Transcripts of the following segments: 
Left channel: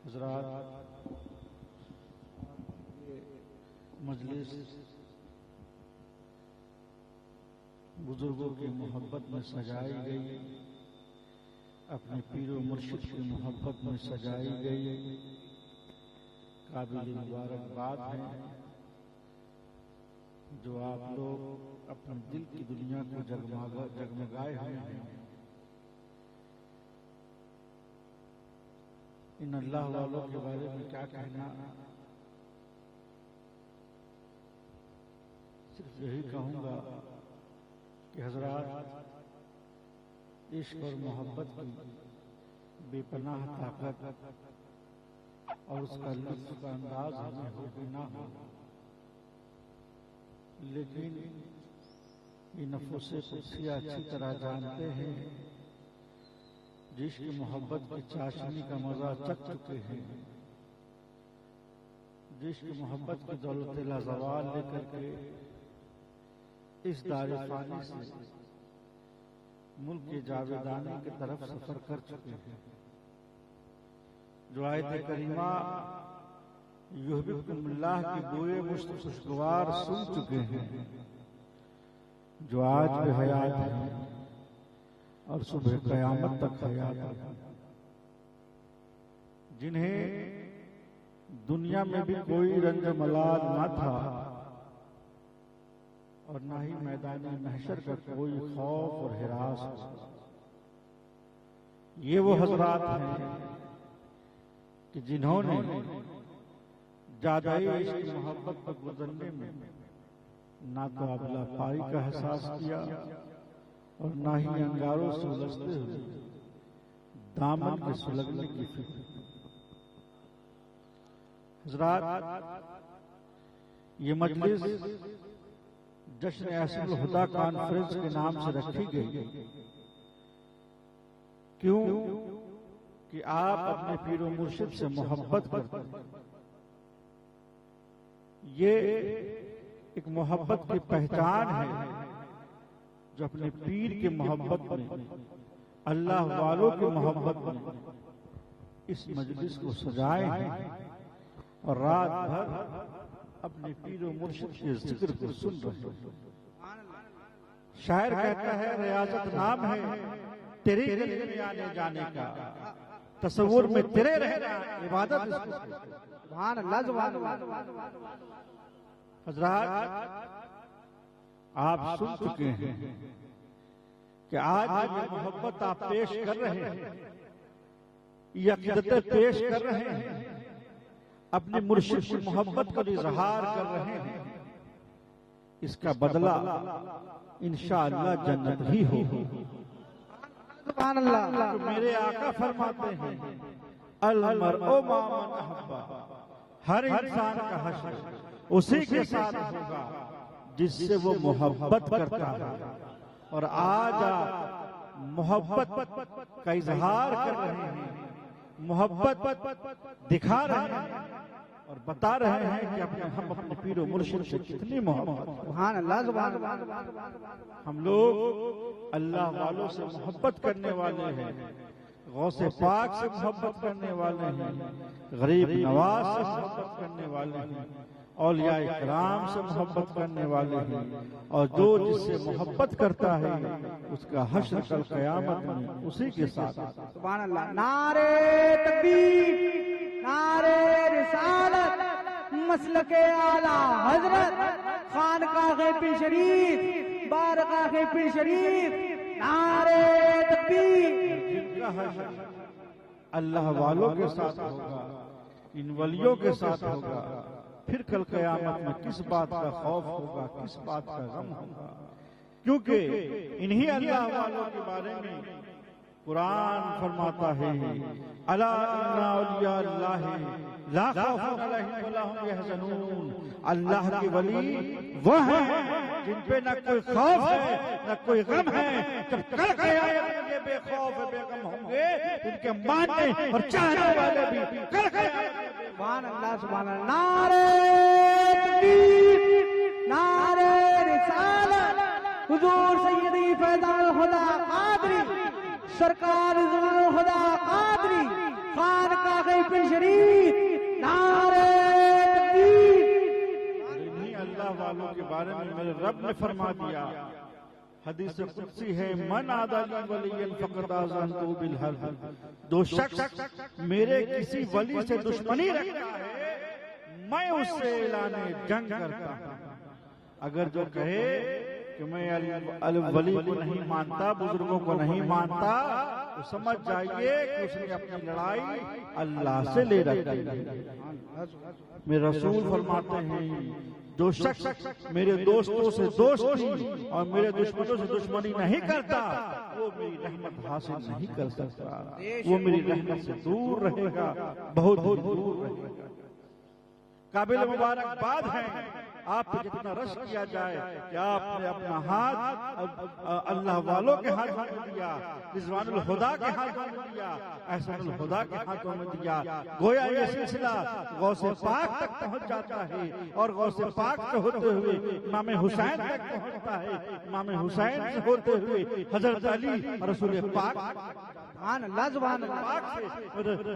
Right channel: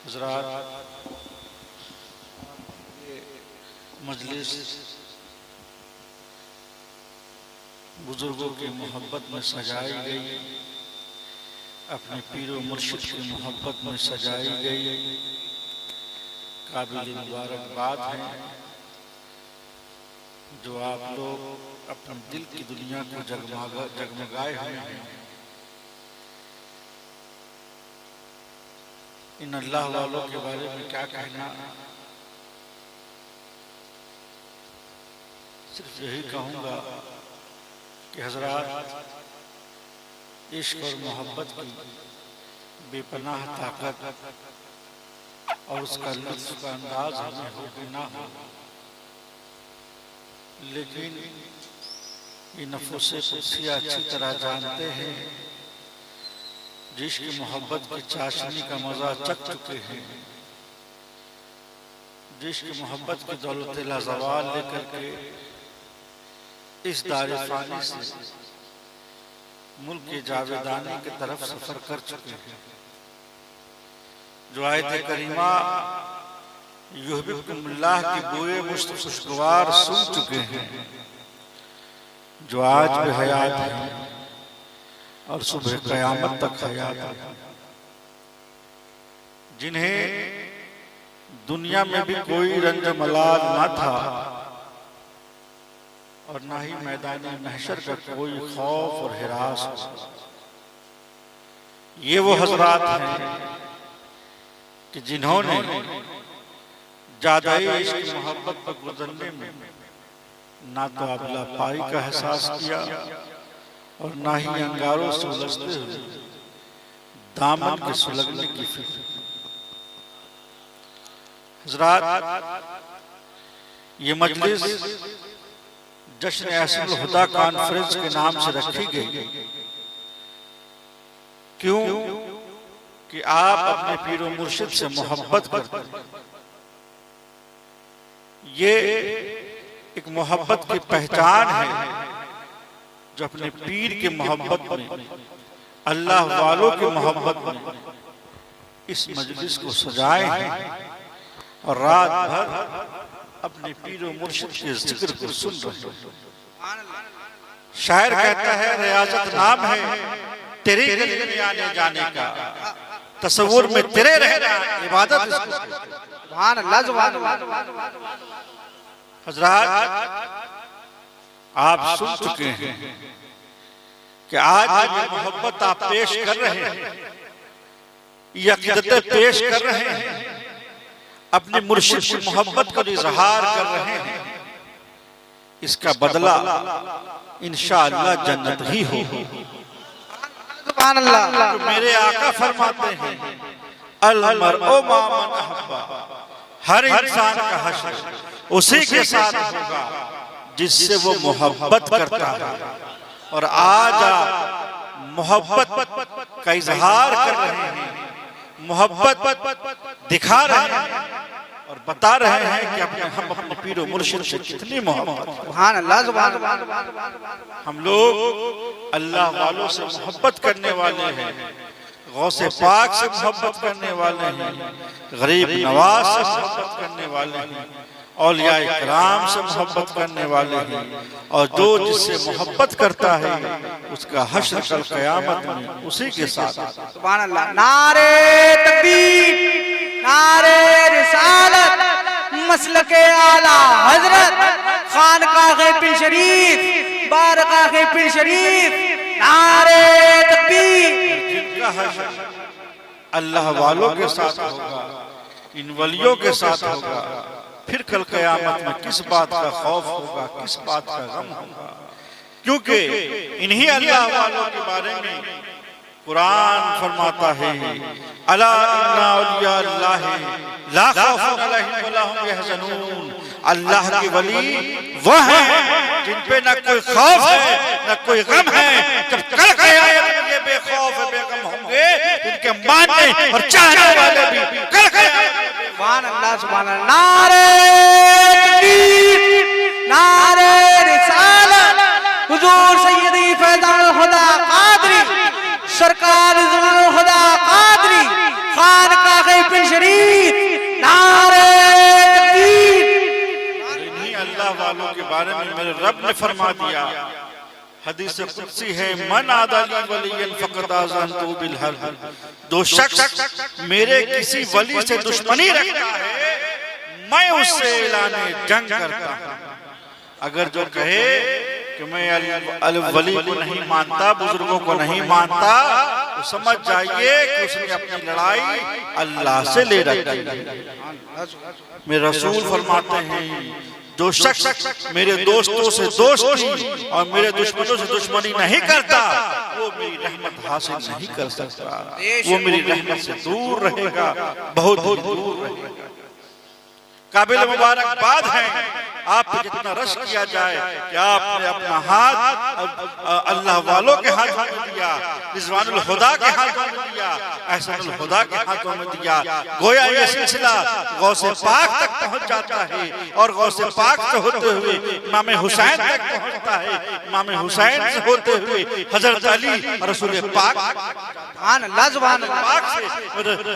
हज़रात, मजलिस बुजुर्गों की मोहब्बत में सजाई गई, अपने पीर व मुर्शिद की मोहब्बत में सजाई गई। काबिल मुबारकबाद है जो आप लोग अपने दिल की दुनिया को जगमगाए हुए हैं। इन अल्लाह वालों के बारे में क्या कहना, सिर्फ यही कहूँगा कि हज़रात, इश्क और मोहब्बत की बेपनाह ताकत और उसका लुत्फ़ का अंदाज हमें हो कि ना हो, लेकिन ये नफ़्स क़ुद्सिया अच्छी तरह जानते हैं, जिसकी मोहब्बत की चाशनी का मज़ा चख चुके हैं, जिसकी मोहब्बत की दौलत लाज़वाल लेकर के इस दार फ़ानी से मुल्क के जावेदानी की तरफ सफ़र कर चुके हैं। जो आयत करीमा युहब्बुकुमुल्लाह की बुए मुश्त खुशगवार सुन चुके हैं, जो आज भी हयात है और सुबह क़यामत तक हयात है, जिन्हें दुनिया में भी कोई रंज मलाल न था और ना ही मैदान महशर का कोई खौफ और हिरास। ये वो हज़रात हैं कि जिन्होंने जादाई इश्क मोहब्बत पर गुजरने में ना तो अबला पाई का एहसास किया और ना ही अंगारों से उलझते हुए दामन के सुलगने की फिक्र। हज़रात, ये मजलिस जश्न अहसनुल हुदा कॉन्फ्रेंस के नाम से रखी गई। क्यों? कि आप अपने पीर व मुर्शिद से मोहब्बत करते हैं। ये एक मोहब्बत की पहचान है जो अपने पीर की मोहब्बत में, अल्लाह वालों की मोहब्बत में इस मजलिस को सजाए हैं और रात भर अपने पीर व मुर्शिद के जिक्र को सुन रहे हैं। शायर कहता है, रियाजत नाम है तेरी गली में आने जाने का, तसव्वुर में तेरे रहना इबादत इसको। सुभान अल्लाह, सुभान अल्लाह। हज़रात, आप सुन चुके हैं कि आज ये मोहब्बत आप पेश कर रहे हैं, ये अक़ीदतें पेश कर रहे हैं, अपने मुर्शिद की मोहब्बत का इजहार कर रहे हैं, इसका बदला इंशाअल्लाह जन्नत ही हो। सुभान अल्लाह। तो मेरे आका फरमाते हैं, अल मरउ मा मन अहब्बा, हर इंसान का हश्र उसी के साथ होगा जिससे वो मोहब्बत करता है। और आज आप मोहब्बत का इजहार कर रहे हैं, मोहब्बत दिखा रहे हैं और बता रहे हैं कि हम अपने पीर व मुर्शिद से कितनी मोहब्बत। सुभान अल्लाह, सुभान अल्लाह। हम लोग अल्लाह वालों से मोहब्बत करने वाले हैं, गौसे पाक से मोहब्बत करने वाले हैं, गरीब नवाज से मोहब्बत करने वाले हैं, औलिया इकराम से मोहब्बत करने वाले हैं, और जो जिससे मोहब्बत करता है उसका हश्र कल क़यामत में उसी के साथ। सुभान अल्लाह। नारे तकबीर, नारे रिसालत, मसलके आला हजरत, खानकाग़े पीर शरीफ, बारगाहे पीर शरीफ, नारे तकबीर। जिनका हश्र अल्लाह वालों के साथ होगा, इन वलियों के साथ होगा, फिर कल क़यामत में किस बात का खौफ होगा, किस बात का गम होगा? क्योंकि इन्हीं अल्लाह वालों के बारे में कुरान फरमाता है, अला इन्ना औलिया अल्लाह ला खौफुन अलैहिम वला हुम यहज़नून। अल्लाह के वली वो हैं जिन पे न कोई खौफ है न कोई गम है। जब कल क़यामत में ये बेखौफ बेगम होंगे, इनके मानने और चाहने वाले भी कल क़यामत। सुभान अल्लाह, सुभान अल्लाह। नारे तकबीर, नारे रिसालत, हुजूर सैयदी फैज़ानुल हुदा कादरी, सरकार ज़ुल्लुल हुदा कादरी, खानकाग़े पीर शरीफ, बारे में मेरे रब ने फरमा दिया, हदीस कुदसी है, मन आदाली वलियन फक़द आज़नतु बिल हर्ब, जो शख्स मेरे किसी वली से दुश्मनी रखता है मैं उससे ऐलाने जंग करता हूं। अगर जो कहे कि मैं अल वली को नहीं मानता, बुजुर्गों को नहीं मानता, तो समझ जाइए कि उसने अपनी लड़ाई अल्लाह से ले रखी है। मेरे रसूल फरमाते हैं, जो शख्स मेरे दोस्तों से दोस्ती और मेरे दुश्मनों से दुश्मनी नहीं करता वो मेरी रहमत हासिल नहीं कर सकता, वो मेरी रहमत से दूर रहेगा, बहुत दूर रहेगा। काबिल मुबारकबाद है आप पे जितना रश किया जाए कि आपने अपना हाथ अल्लाह वालों के हाथों में दिया, रिजवानुल हुदा के हाथों में दिया, एहसानुल हुदा के हाथों में दिया। गोया ये सिलसिला गौसे पाक तक पहुंच जाता है और गौसे पाक से होते हुए इमाम हुसैन तक पहुंचता है, इमाम हुसैन से होते हुए हजरत अली रसूल पाक से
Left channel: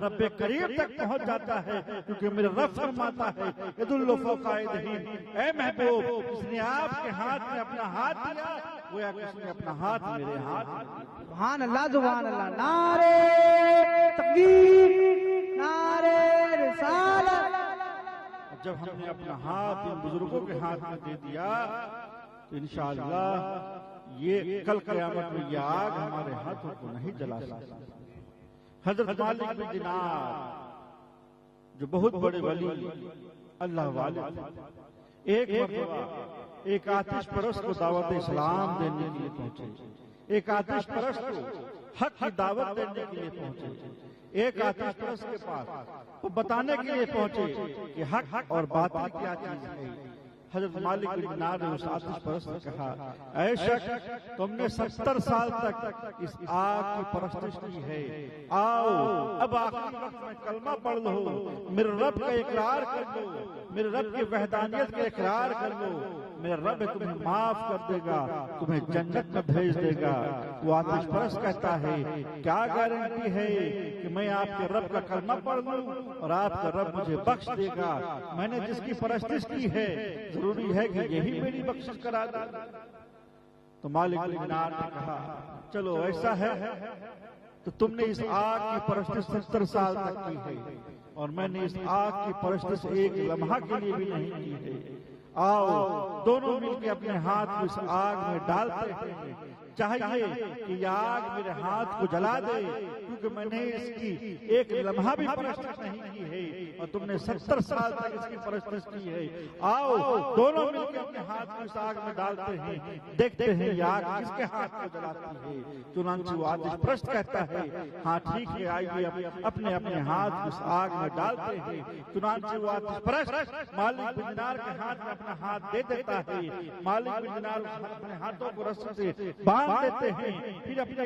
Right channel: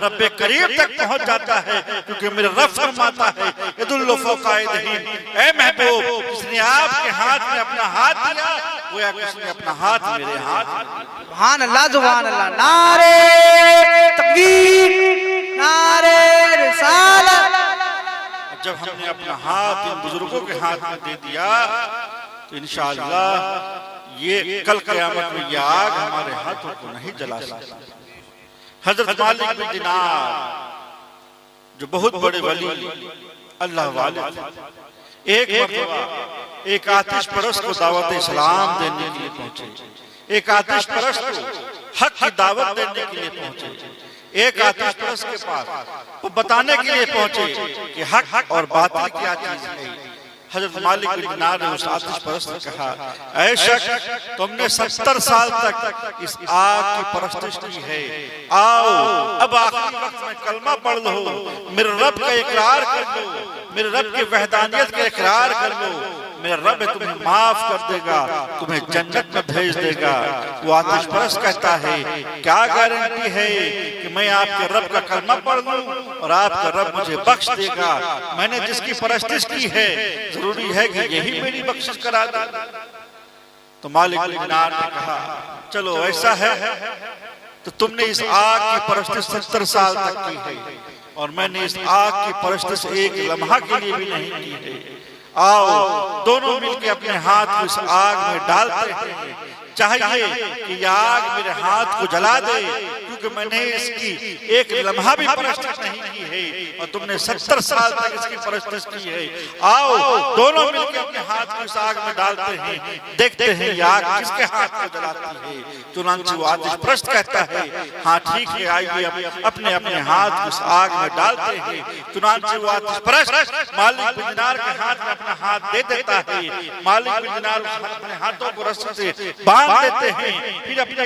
रब्बे करीम तक पहुंच जाता है। क्योंकि मेरे रब फरमाता है, यदुल्लु फौका यदिही, ऐ महबूब जिसने आपके हाथ में अपना हाथ दिया गोया किसने अपना हाथ मेरे हाथ में। सुभान अल्लाह, सुभान अल्लाह। नारे तकबीर, नारे रिसालत। जब हमने अपना हाथ इन बुजुर्गों के हाथ में दे दिया तो इंशाअल्लाह ये कल क़यामत में ये आग हमारे हाथों को नहीं जला सकती। हजरत मालिक बिन दिनार जो बहुत बड़े वली अल्लाह वाले थे, एक मरतबा एक आतिश परस्त को दावत इस्लाम देने के लिए पहुंचे, एक आतिश परस्त को हक की दावत देने के लिए पहुंचे, एक आतिश परस्त के पास वो बताने के लिए पहुंचे कि हक और बातिल क्या चीज है। हजरत मालिक बिन दिनार ने उस आतिश परस्त ने कहा, ऐ शख्स तुमने 70 साल तक इस आग की परस्तिश की है, आओ अब आखिरी वक्त में कलमा पढ़ लो, मेरे रब का इकरार कर लो, मेरे रब की वहदानियत का इकरार कर लो, मेरा रब तुम्हें माफ कर देगा, तुम्हें जन्नत में भेज देगा। वो आतिश परस्त कहता है, क्या गारंटी है कि मैं आपके रब का कलमा पढ़ लूं और आपका रब मुझे बख्श देगा। मैंने जिसकी परस्तिश की है जरूरी है कि यही मेरी बख्शिश करा दे। तो मालिक बिन दिनार ने कहा, चलो ऐसा है तो तुमने इस आग की परस्तिश 70 साल तक की है और मैंने इस आग की परस्तिश एक लम्हा के लिए भी नहीं की है। आओ दोनों मिलकर अपने हाथ को इस आग में डालते हैं, चाहिए कि यह आग मेरे हाथ को जला दे, क्योंकि मैंने इसकी एक लम्हा भी परस्तिश नहीं की है और तुमने 70 साल तक इसकी परस्तिश की है। आओ दोनों मिलकर अपने हाथ को इस आग में डालते हैं, देखते हैं यह आग किसके हाथ को जलाती है। चुनांचे वो आतिश परस्त कहता है, हाँ ठीक है, आइए अपने अपने हाथ को इस आग में डालते हैं। चुनांचे वो आतिश परस्त मालिक बिन दिनार के हाथ में अपना हाथ दे देता है। मालिक बिन दिनार अपने हाथों को रस्सी से बांध देते हैं, फिर अपने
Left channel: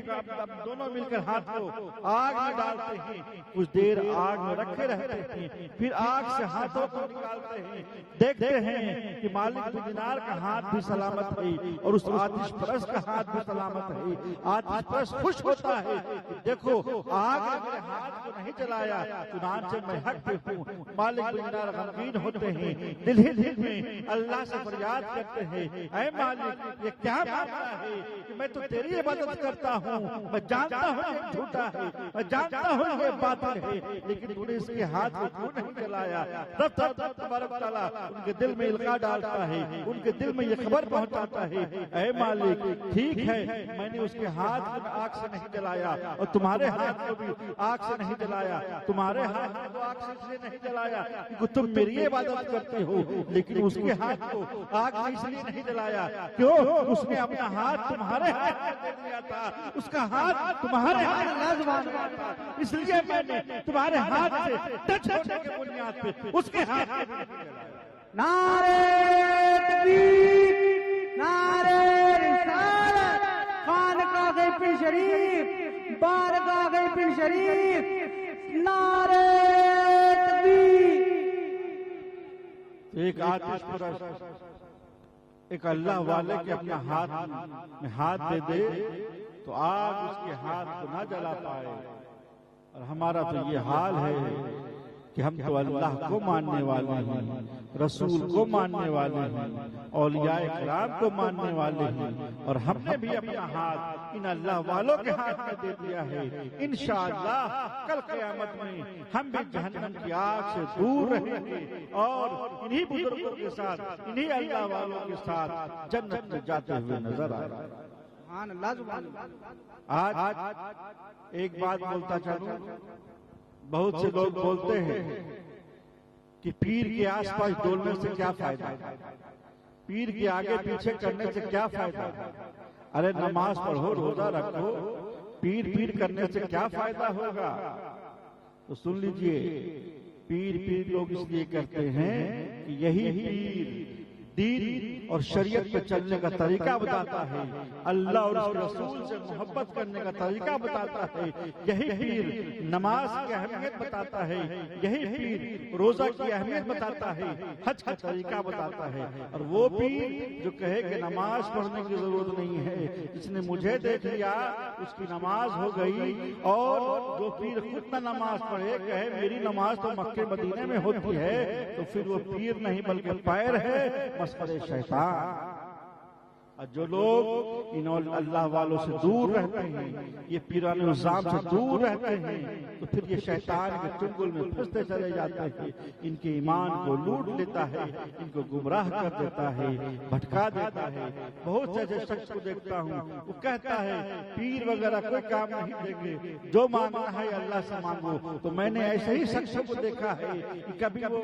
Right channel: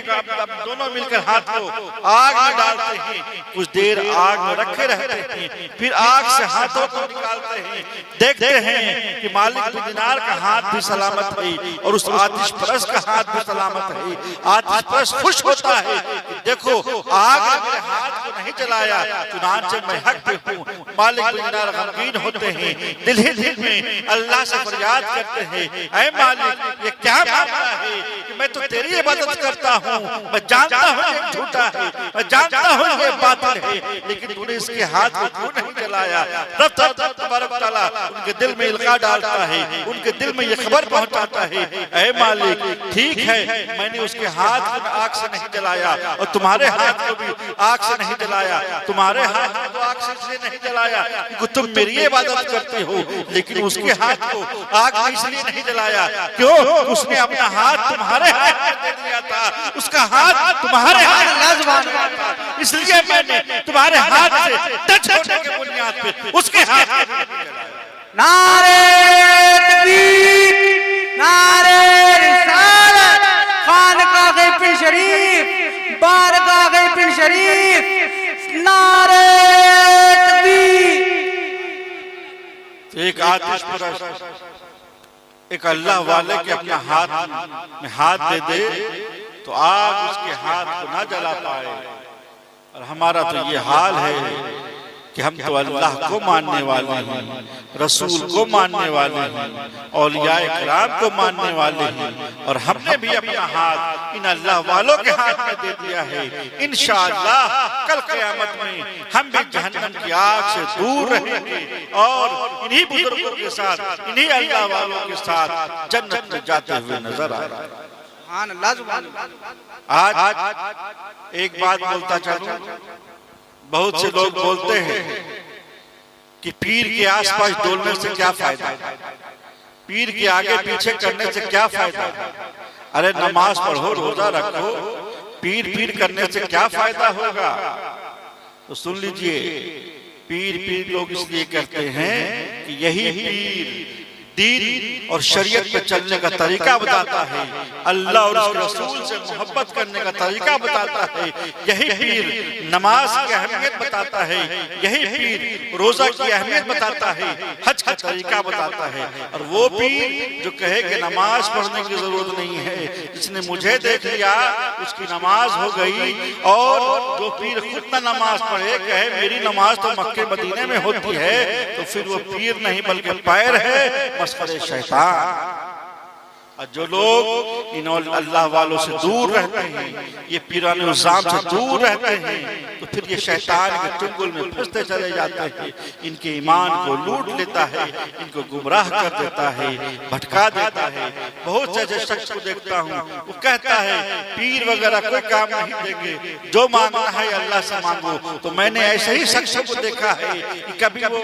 दोनों मिलकर हाथ को आग में डालते हैं, कुछ देर आग में रखे रहते हैं, फिर आग से हाथों को निकालते हैं, देखते हैं कि मालिक बिन दिनार का हाथ भी सलामत है और उस आतिश परस्त का हाथ भी सलामत है। आतिश परस्त खुश होता है कि देखो आग ने मेरे हाथ को नहीं जलाया, चुनांचे मैं हक पे हूँ। मालिक बिन दिनार गमगीन होते हैं, दिल ही दिल में अल्लाह से फरियाद करते हैं, ऐ मालिक ये क्या मामला है कि मैं तो तेरी इबादत करता हूँ, मैं जानता हूँ ये झूठा है, मैं जानता हूँ ये बातिल है, लेकिन तूने इसके हाथ को क्यों नहीं जलाया। रब तबारक व तआला उनके दिल में इल्का डालता है, उनके दिल में ये खबर पहुंचाता है, ऐ मालिक ठीक है मैंने उसके हाथ को आग से नहीं जलाया और तुम्हारे हाथ को भी आग से नहीं जलाया, तुम्हारे हाथ को आग से इसलिए नहीं जलाया क्योंकि तुम मेरी इबादत करते हो, लेकिन उसके हाथ को आग में इसलिए नहीं जलाया क्यों, उसने अपना हाथ तुम्हारे हाथ में दे दिया था, उसका हाथ तुम्हारे हाथ में था, इसलिए मैंने तुम्हारे हाथ से टच होने के बुनियाद पे उसके हाथ में जलाया। नारे तकबीर, नारे रिसालत, खानकाह पिर शरीफ, बारगाह पिर शरीफ, नारे तकबीर। एक आतिश परस्त एक अल्लाह वाले के अपने हाथ में हाथ दे दे तो आग उसके हाथ को ना जला पाए। और हमारा तो ये हाल है कि हम तो अल्लाह को मानने वाले हैं, रसूल को मानने वाले हैं, औलिया इकराम को मानने वाले हैं, और हमने भी अपना हाथ इन अल्लाह वालों के हाथ में दे दिया है। इंशाअल्लाह कल क़यामत में हम भी जहन्नम की आग से दूर रहेंगे और इन्हीं बुजुर्गों के साथ, इन्हीं अल्लाह वालों के साथ जन्नत में जाते हुए नजर आ रहे हैं। सुभान अल्लाह, सुभान अल्लाह। आज एक बात बोलता चलूं, बहुत से लोग बोलते हैं कि पीर के आसपास डोलने से क्या फायदा, पीर के आगे पीछे करने से क्या फायदा। अरे नमाज पढ़ो, रोजा रखो, पीर पीर करने से क्या फायदा होगा। तो सुन लीजिए, पीर पीर लोग इसलिए कहते हैं कि यही पीर दीन और शरीयत पे चलने का तरीका बताता है, अल्लाह और उसके रसूल से मोहब्बत करने का तरीका बताता है। यही पीर नमाज की अहमियत बताता है, यही पीर रोजा की अहमियत बताता है, हज का तरीका बताता है। और वो पीर जो कहे कि नमाज पढ़ने की जरूरत नहीं है, जिसने मुझे देख लिया उसकी नमाज हो गई, और जो पीर खुद न नमाज पढ़े कहे मेरी नमाज तो मक्के मदीने में होती है, तो फिर वो पीर नहीं बल्कि पैर है, मस्खरे शैतान। और जो लोग इन अल्लाह वालों से दूर रहते हैं, ये पीरान निज़ाम से दूर रहते हैं, तो फिर ये शैतान के चुंगल में फंसते चले जाते हैं, इनके ईमान को लूट लेता है, इनको गुमराह कर देता है, भटका देता है। बहुत से ऐसे शख्स को देखता हूँ, वो कहता है पीर वगैरह कोई काम नहीं देंगे, जो मांगना है अल्लाह से मांगो। तो मैंने ऐसे ही शख्सों को देखा है कि कभी वो